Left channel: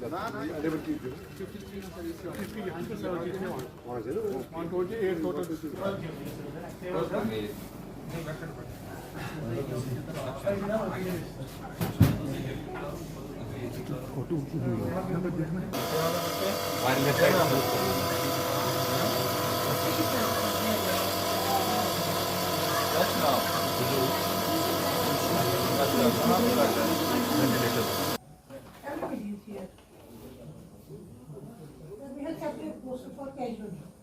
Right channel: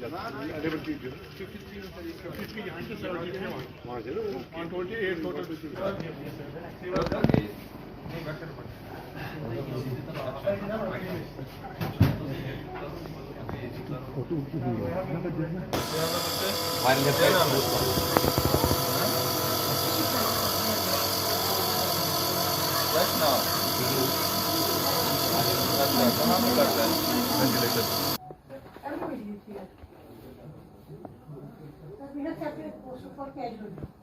11 people. 53 behind the 71. 128 total. Just now. अच्छा कहाँ पे करता है? Everybody is here. We have separate poster for casualty.